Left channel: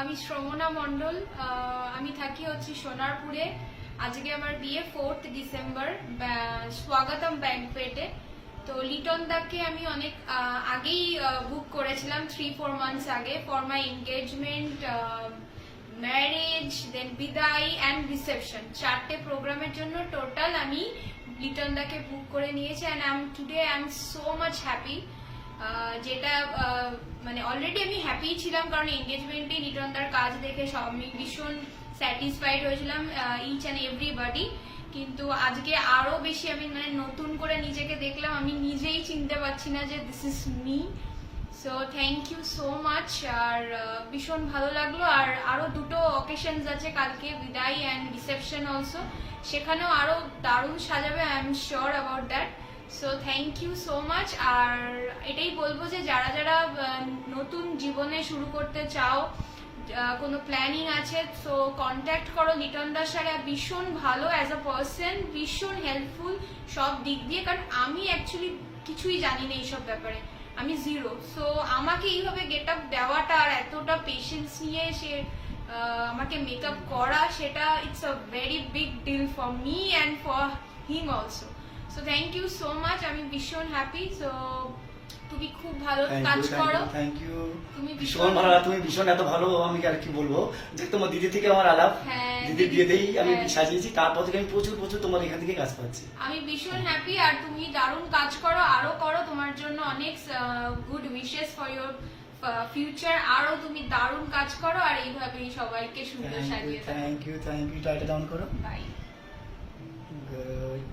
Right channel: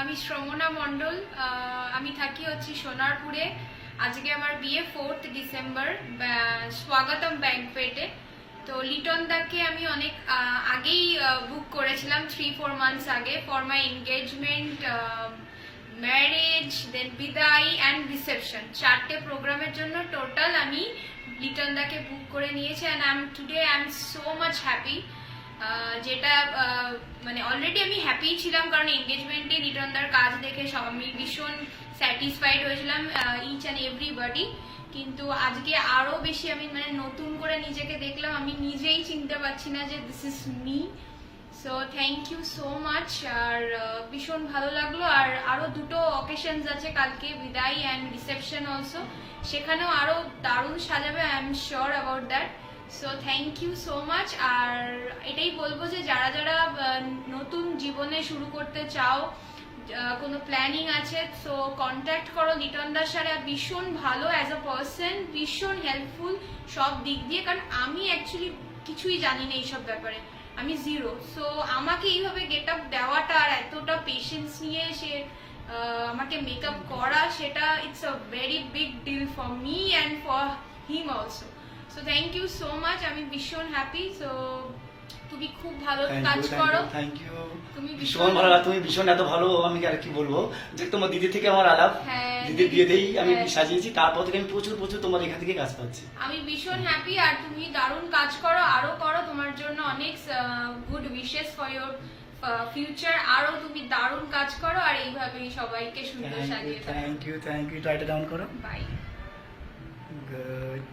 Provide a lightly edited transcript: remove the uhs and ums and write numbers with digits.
আমি শ্রমনা মণ্ডল, আমি থাকি হচ্ছে সোনারপুরে। আজকে আমার বিয়ে 4th ডিসেম্বর স্বাগতম ব্যাংকোয়েটে। তো লিটন দাকে আমি অনেক আগেই বুক করেছিলাম 3-4 মান্থস আগে ফর মাই এনগেজমেন্ট, ম্যারেজ, দেন বিদায় অ্যান্ড রিসেপশন, 4টে প্রোগ্রামের জন্য টোটাল আমি লিটন দাকে বুক করে নিয়েছি। And today I am so much happy, যেটা মানে অলরেডি আমি হ্যাপি ছিলাম, কারণ এনগেজমেন্টে লিটন দার কাজ দেখে আমি ভীষণ স্যাটিসফাইড হয়েছিলাম, ইচ অ্যান্ড এভরিবডি। কিন্তু আজকে আরো বেশি আমি মানে নতুন করে নিজেকে দেখলাম, আমি নিজেই চিনতে পারছি না যে this is me. So thank you so much. আর ভীষণ ভালো লাগলো। আর আরো দুটো অকেশনস আছে কালকে, বিদায় অ্যান্ড রিসেপশন অলসো, সেখানেও আরো দারুণ সাজাবে, I am sure about that. So thank you so much. আর এটাই বলবো যে যারা যারা নতুন জীবনে শুরু করতে চাও, কোনো প্ল্যানিং আছে, সো কন্ট্যাক্ট করো লিটন দার সাথে। ভীষণ ভালো অ্যাজ আ পার্সন, ভীষণ হেল্পফুল সব দিক দিয়ে, কারণ আমি অ্যাকচুয়ালি কিছুই জানি না এইসব ব্যাপারে, আমি জিরো। সো আমাকে এইভাবে গেট আপ দেওয়াটা আর এতটা পেশেন্স নিয়ে সে আমাকে মেকআপ করা, সেটা it's a very big deal for me and for him also. So thank you so much, আমি ভীষণ হ্যাপি। সো তুমি খুব ভালো কাজ করো। থ্যাংক ইউ, তুমি ভীষণ ভালো, তুমি ভীষণ এত ভালো। আমি আর কি বলবো, যে তোমার দিদি থেকে আমার আলাপ, দিদির বিয়েতেই আমি সাজিয়েছি, তারপর থেকে আমি প্রচুর প্রচুর তোমার এখান থেকে কাজ পাচ্ছি। আমি ভীষণ হ্যাপি। আর তুমি দারুণ কাজ করো, আরো করো, তোমার জন্য অনেক good wishes for your future. আরো তুমি দারুণ কাজ করো, আর এইভাবেই সবাইকে সুন্দর সাজিয়ে দাও। থ্যাংক ইউ, লাইটটা ডাউন করো। বাই। গুড।